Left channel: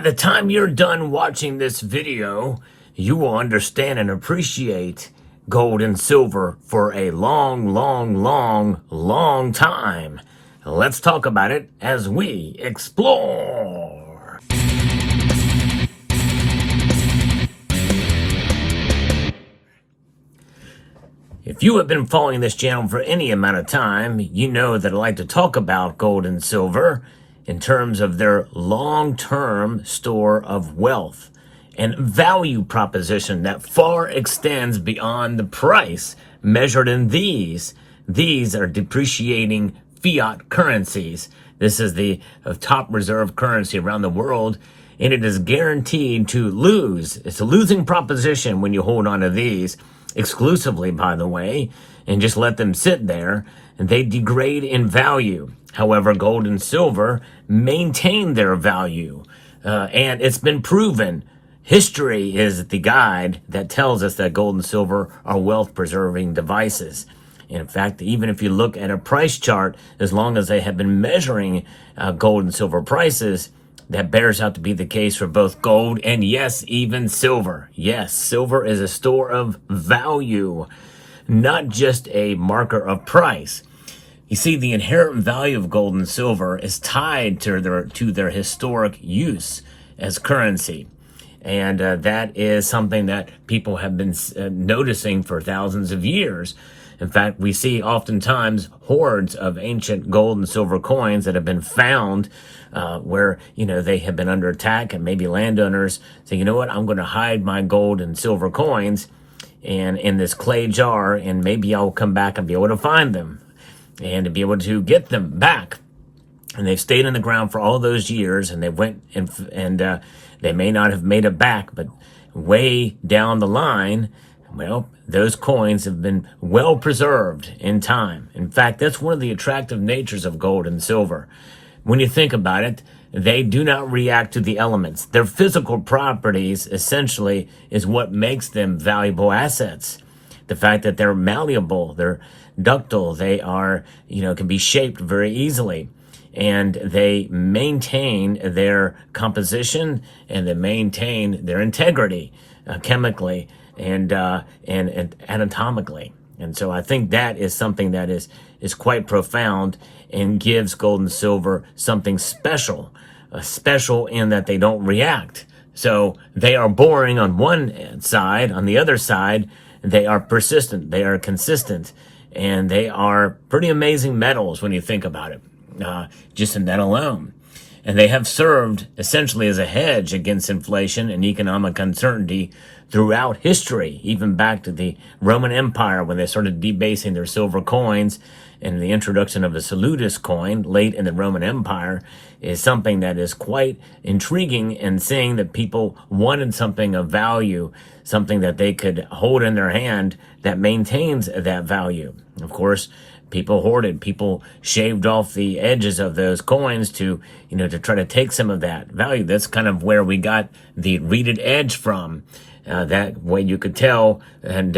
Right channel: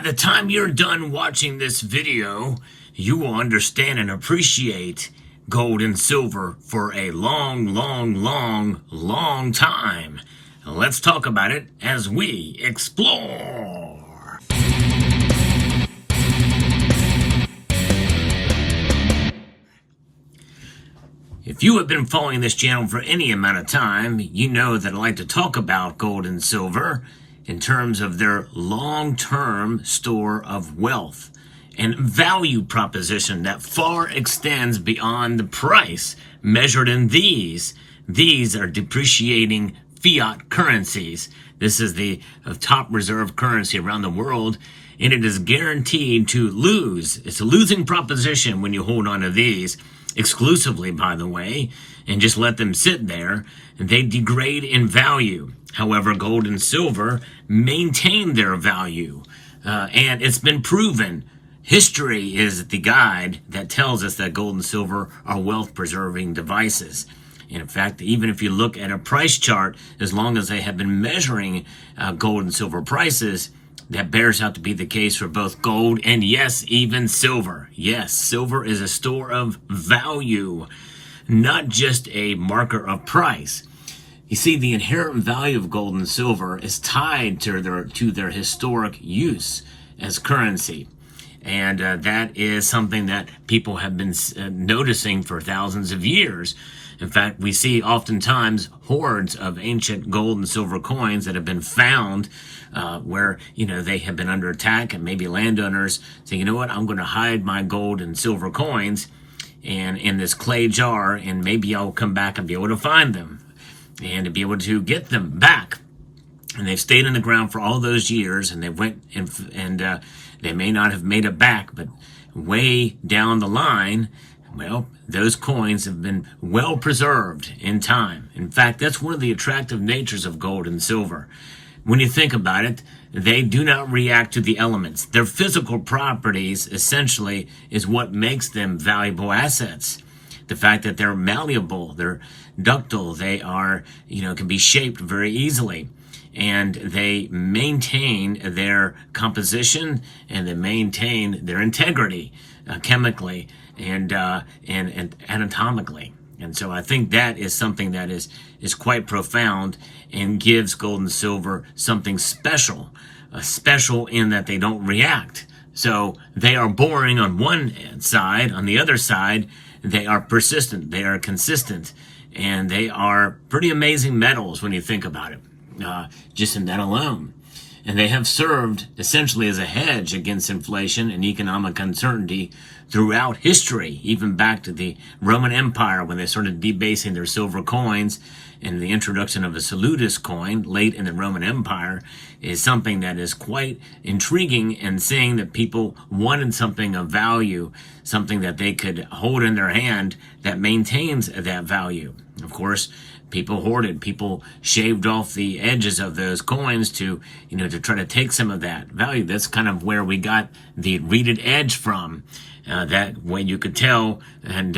By the time you're done watching this video, you will understand and appreciate gold and silver for a long time. Let's talk about it as we explore. If you have been following this channel for any amount of time, you know that I like to talk about gold and silver in terms of their long-term store of wealth and value proposition that far extends beyond the price measured in these. These are depreciating fiat currencies. This is the top reserve currency around the world, and it is guaranteed to lose. It's a losing proposition when you hold on to these exclusively, by the way, and just let them sit there, and they degrade in value. However, gold and silver maintain their value, and it's been proven. History is the guide that tells us that gold and silver are wealth-preserving devices. In fact, even if you look at a price chart, as long as they have been measuring gold and silver prices, that bears out to be the case for both gold and, yes, even silver. Yes, silver is a store of value, not just a marker of price. You see, the inherent value of gold and silver is tied to their historic use as currency. And that is something that people have been noticing for thousands of years. In fact, we see oftentimes hordes of ancient gold and silver coins that have been found where, they have been under attack, and maybe landowners say, you know what, I'm going to hide my gold and silver coins and in this clay jar, and maybe I'll come back and be able to find them and to be able to get them back. And they've stayed in the ground for all those years, and they went and they may not have made it back, but way down the line, well, those coins have been well preserved in time. In fact, that's one of the attractive natures of gold and silver. When you think about it, they do not react to the elements. Their physical properties essentially is what makes them valuable assets. The fact that they're malleable, they're ductile, they are, can be shaped very easily. And they maintain their composition, and they maintain their integrity chemically and anatomically. And so I think that is something that is quite profound and gives gold and silver something special, special in that they don't react. So they are boring on one side. On the other side, they are persistent, they are consistent, and they are pretty amazing metals when you think about it, just in that alone. And they have served essentially as a hedge against inflation and economic uncertainty throughout history, even back to the Roman Empire when they started debasing their silver coins. And the introduction of a salutatus coin late in the Roman Empire is something that is quite intriguing, and saying that people wanted something of value, something that they could hold in their hand that maintains that value. Of course, people hoarded, people shaved off the edges of those coins to try to take some of that value. That's kind of where we got the reeded edge from. That way you could tell, and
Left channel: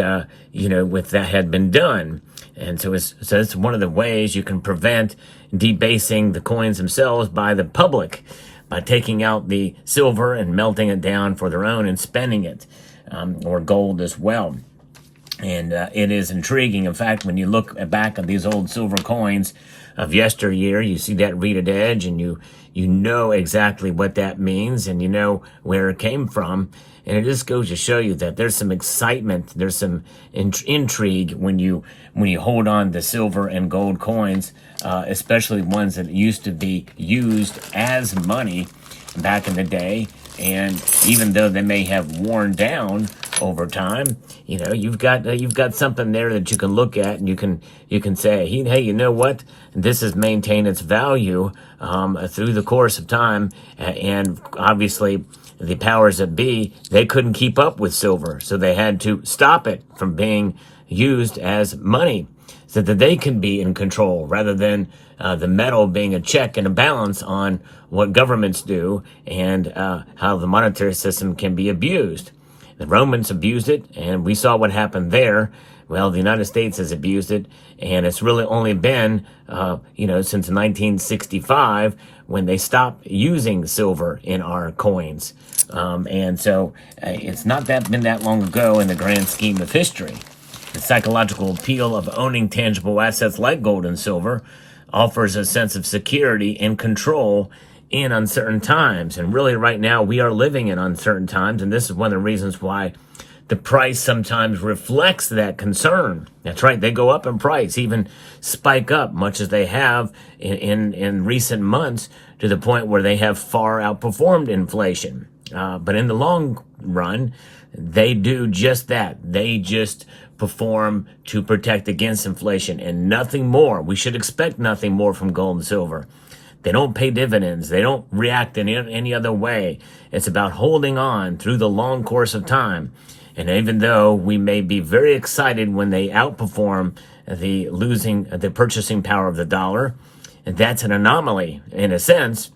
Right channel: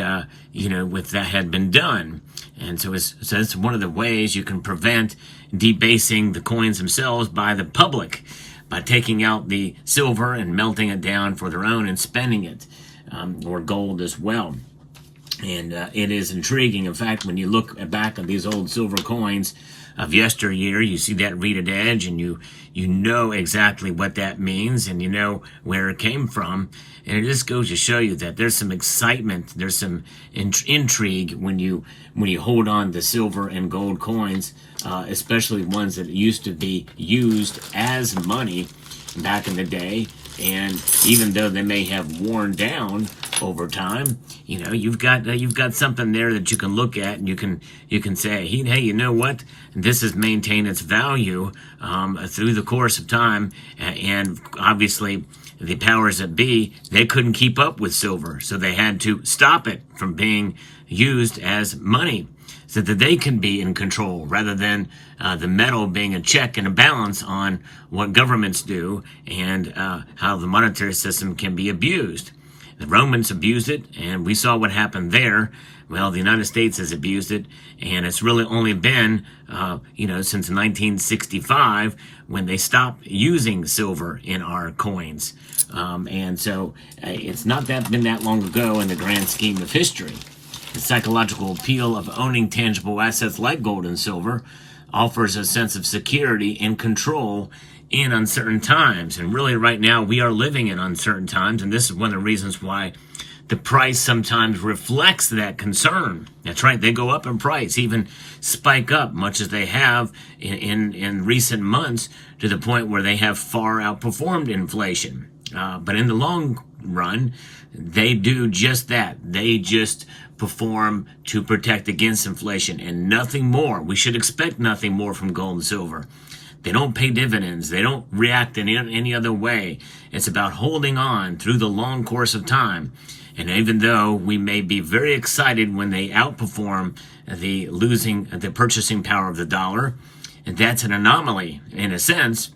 with that had been done. And so it's one of the ways you can prevent debasing the coins themselves by the public, by taking out the silver and melting it down for their own and spending it, or gold as well. And it is intriguing. In fact, when you look back on these old silver coins of yesteryear, you see that reeded edge, and you know exactly what that means, and you know where it came from. And it just goes to show you that there's some excitement, there's some intrigue when you hold on to silver and gold coins, especially ones that used to be used as money back in the day. And even though they may have worn down over time, you've got something there that you can look at, and you can say, hey, you know what? This has maintained its value through the course of time, and obviously the powers that be, they couldn't keep up with silver, so they had to stop it from being used as money, so that they can be in control, rather than the metal being a check and a balance on what governments do and how the monetary system can be abused. The Romans abused it, and we saw what happened there. Well, the United States has abused it, and it's really only been, since 1965 when they stopped using silver in our coins. And so it's not been that long ago in the grand scheme of history. The psychological appeal of owning tangible assets like gold and silver offers a sense of security and control in uncertain times. And really right now we are living in uncertain times, and this is one of the reasons why the price sometimes reflects that concern. That's right, they go up in price, even spike up, much as they have in recent months, to the point where they have far outperformed inflation. But in the long run, they do just that. They just perform to protect against inflation and nothing more. We should expect nothing more from gold and silver. They don't pay dividends. They don't react in any other way. It's about holding on through the long course of time. And even though we may be very excited when they outperform the purchasing power of the dollar, and that's an anomaly in a sense,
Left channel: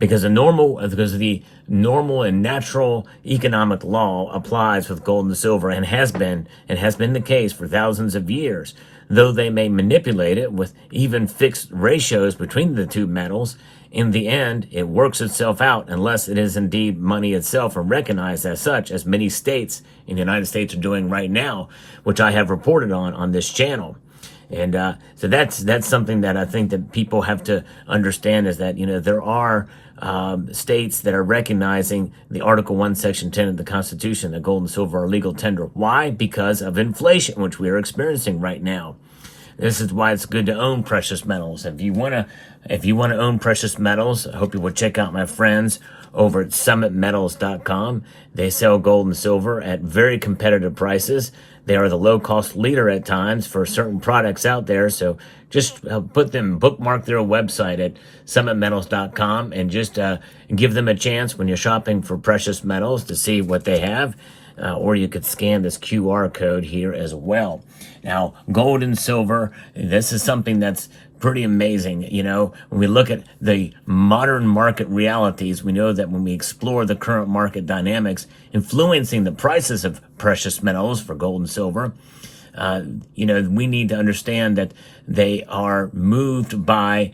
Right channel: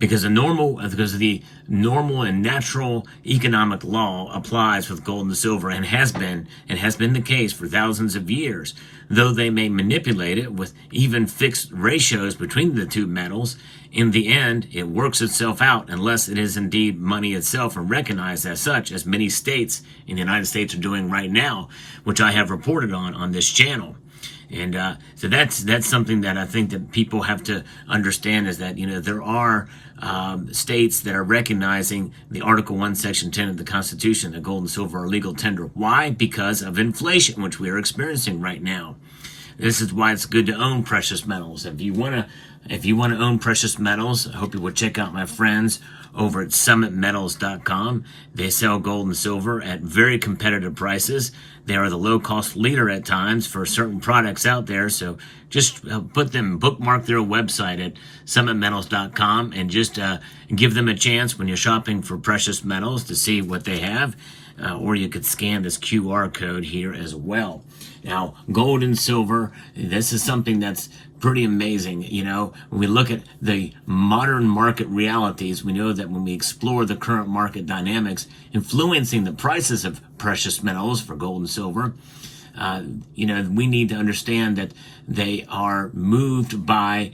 because the normal and natural economic law applies with gold and silver, and has been the case for thousands of years. Though they may manipulate it with even fixed ratios between the two metals, in the end, it works itself out unless it is indeed money itself and recognized as such, as many states in the United States are doing right now, which I have reported on this channel. And so that's something that I think that people have to understand, is that, there are states that are recognizing the Article 1, Section 10 of the Constitution, that gold and silver are legal tender. Why? Because of inflation, which we are experiencing right now. This is why it's good to own precious metals. If you want to own precious metals, I hope you will check out my friends over at summitmetals.com. They sell gold and silver at very competitive prices. They are the low-cost leader at times for certain products out there. So just bookmark their website at summitmetals.com and just give them a chance when you're shopping for precious metals to see what they have. Or you could scan this QR code here as well. Now, gold and silver, this is something that's pretty amazing. When we look at the modern market realities, we know that when we explore the current market dynamics influencing the prices of precious metals for gold and silver, we need to understand that they are moved by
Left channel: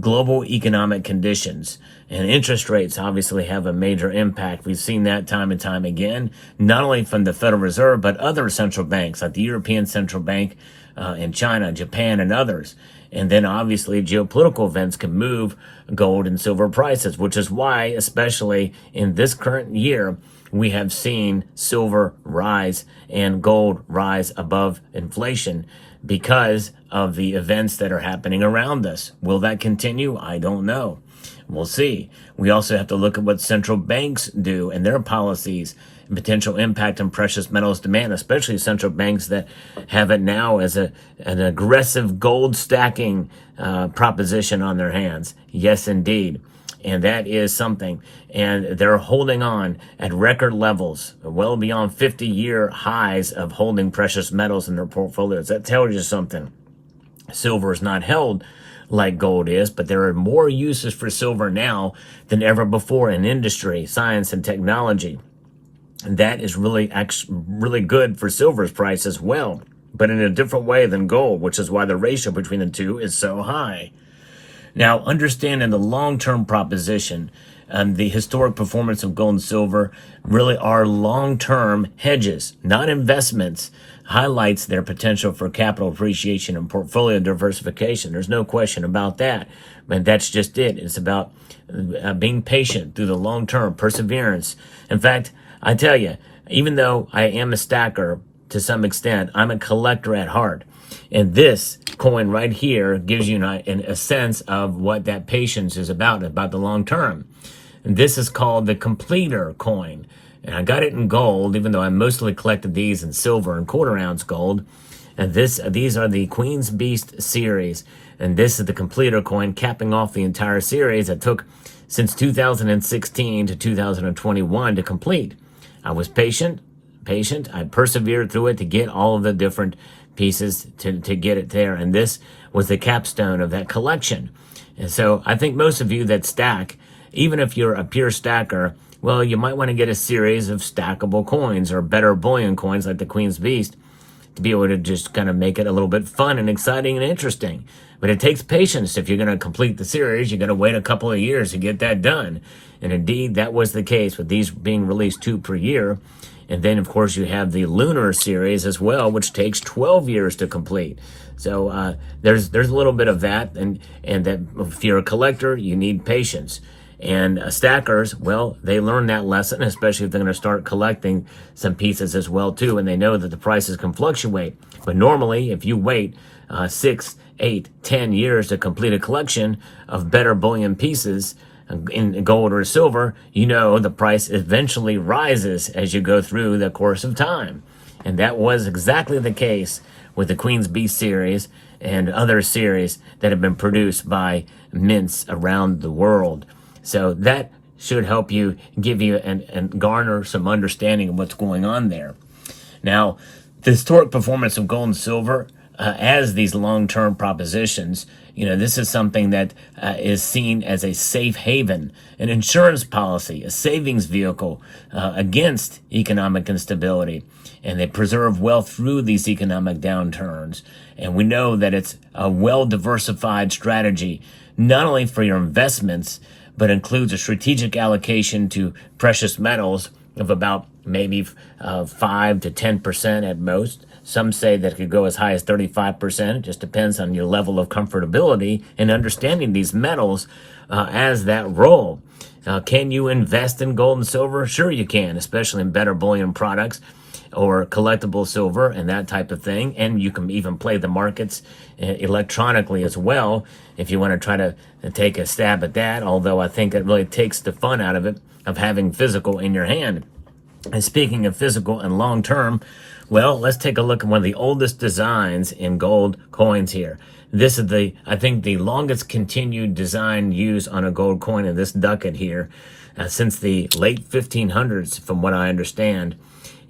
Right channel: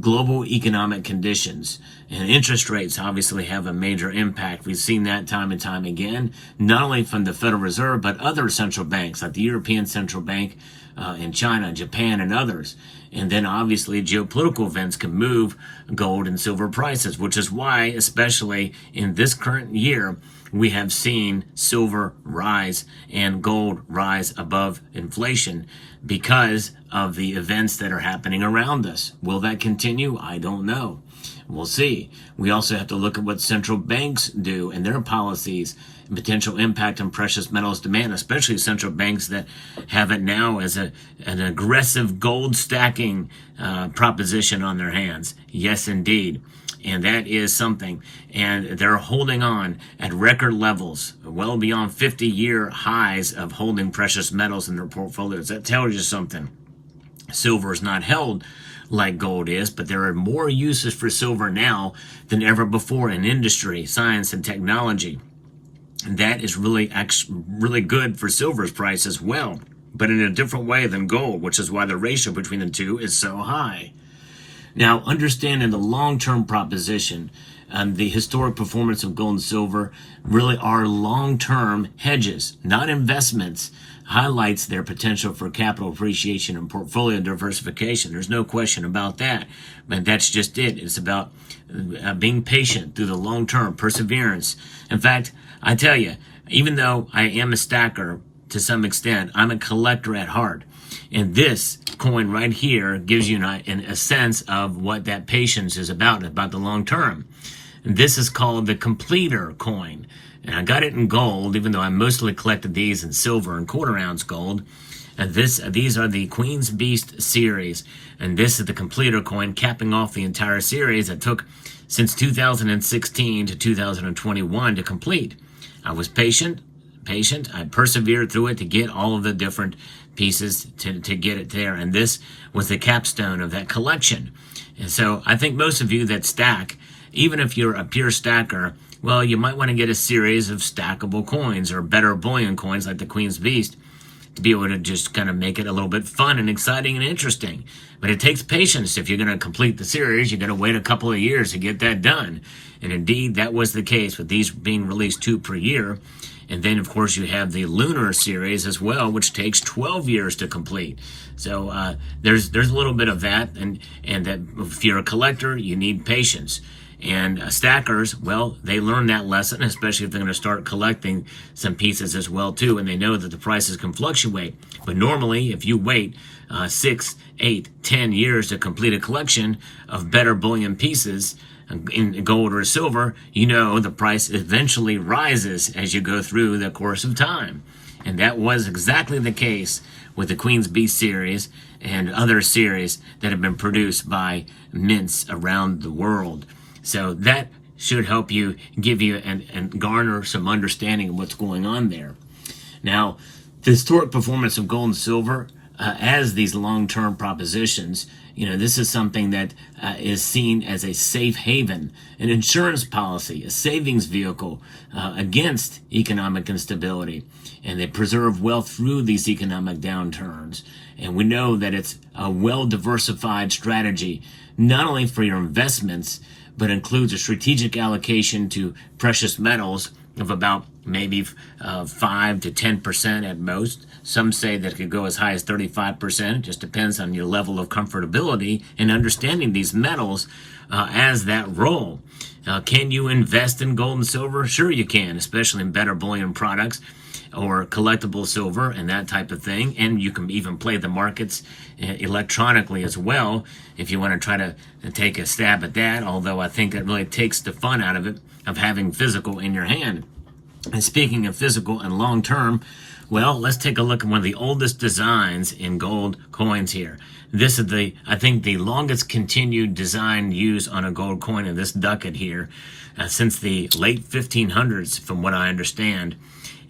global economic conditions, and interest rates obviously have a major impact. We've seen that time and time again, not only from the Federal Reserve, but other central banks like the European Central Bank in China, Japan, and others. And then obviously geopolitical events can move gold and silver prices, which is why, especially in this current year, we have seen silver rise and gold rise above inflation because of the events that are happening around us. Will that continue? I don't know. We'll see. We also have to look at what central banks do and their policies and potential impact on precious metals demand, especially central banks that have it now as an aggressive gold stacking proposition on their hands. Yes, indeed. And that is something. And they're holding on at record levels, well beyond 50-year highs of holding precious metals in their portfolios. That tells you something. Silver is not held like gold is, but there are more uses for silver now than ever before in industry, science, and technology. And that is really good for silver's price as well, but in a different way than gold, which is why the ratio between the two is so high. Now, understanding the long-term proposition and the historic performance of gold and silver really are long-term hedges, not investments, highlights their potential for capital appreciation and portfolio diversification. There's no question about that. But that's just it. It's about being patient through the long term, perseverance. In fact, I tell you, even though I am a stacker to some extent, I'm a collector at heart. And this coin right here gives you a sense of what that patience is about the long term. And this is called the completer coin. And I got it in gold, even though I mostly collected these in silver and quarter ounce gold. And these are the Queen's Beast series. And this is the completer coin, capping off the entire series that took since 2016 to 2021 to complete. I was patient. I persevered through it to get all of the different pieces to get it there. And this was the capstone of that collection. And so I think most of you that stack, even if you're a pure stacker well, you might want to get a series of stackable coins or better bullion coins like the Queen's Beast to be able to just kind of make it a little bit fun and exciting and interesting. But it takes patience. If you're going to complete the series, you're going to wait a couple of years to get that done. And indeed, that was the case with these being released 2 per year. And then, of course, you have the Lunar series as well, which takes 12 years to complete. So there's a little bit of that. And that if you're a collector, you need patience. And stackers, well, they learn that lesson, especially if they're going to start collecting some pieces as well, too. And they know that the prices can fluctuate. But normally, if you wait 6, 8, 10 years to complete a collection of better bullion pieces in gold or silver, you know the price eventually rises as you go through the course of time. And that was exactly the case with the Queen's Beast series and other series that have been produced by mints around the world. So that should help you, give you and garner some understanding of what's going on there. Now, the historic performance of gold and silver as these long-term propositions, this is something that is seen as a safe haven, an insurance policy, a savings vehicle against economic instability. And they preserve wealth through these economic downturns. And we know that it's a well-diversified strategy, not only for your investments, but includes a strategic allocation to precious metals of about maybe 5 to 10% at most. Some say that it could go as high as 35%. It just depends on your level of comfortability in understanding these metals as that role. Can you invest in gold and silver? Sure you can, especially in better bullion products or collectible silver and that type of thing. And you can even play the markets electronically as well if you want to try to take a stab at that, although I think it really takes the fun out of it, of having physical in your hand. And speaking of physical and long-term, well, let's take a look at one of the oldest designs in gold coins here. This is I think the longest continued design used on a gold coin in this ducat here since the late 1500s, from what I understand.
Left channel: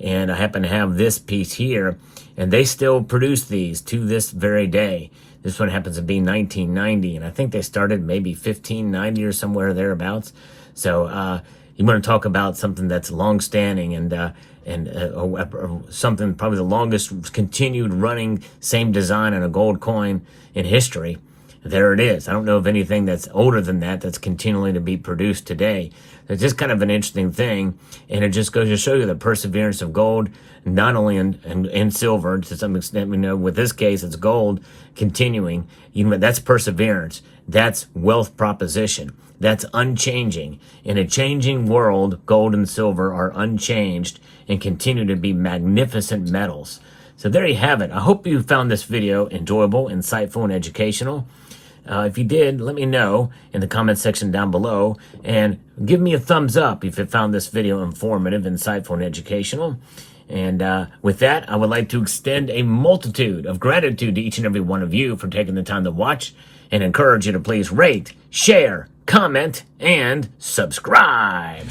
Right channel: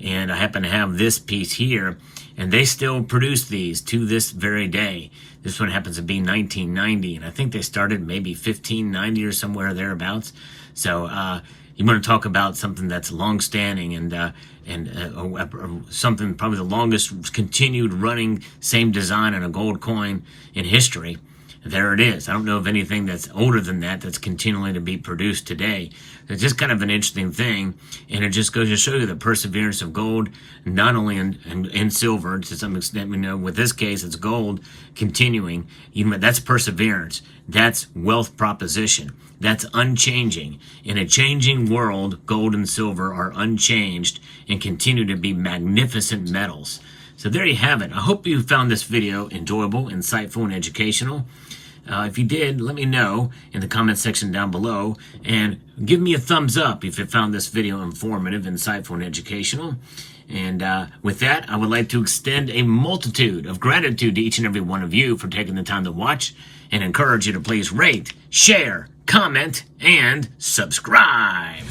And I happen to have this piece here, and they still produce these to this very day. This one happens to be 1990, and I think they started maybe 1590 or somewhere thereabouts. So you want to talk about something that's long-standing and something probably the longest continued running same design on a gold coin in history. There it is. I don't know of anything that's older than that that's continually to be produced today. It's just kind of an interesting thing, and it just goes to show you the perseverance of gold, not only in silver, to some extent. We know with this case it's gold continuing. That's perseverance. That's wealth proposition. That's unchanging. In a changing world, gold and silver are unchanged and continue to be magnificent metals. So there you have it. I hope you found this video enjoyable, insightful, and educational. If you did, let me know in the comment section down below, and give me a thumbs up if you found this video informative, insightful, and educational. And with that, I would like to extend a multitude of gratitude to each and every one of you for taking the time to watch, and encourage you to please rate, share, comment, and subscribe.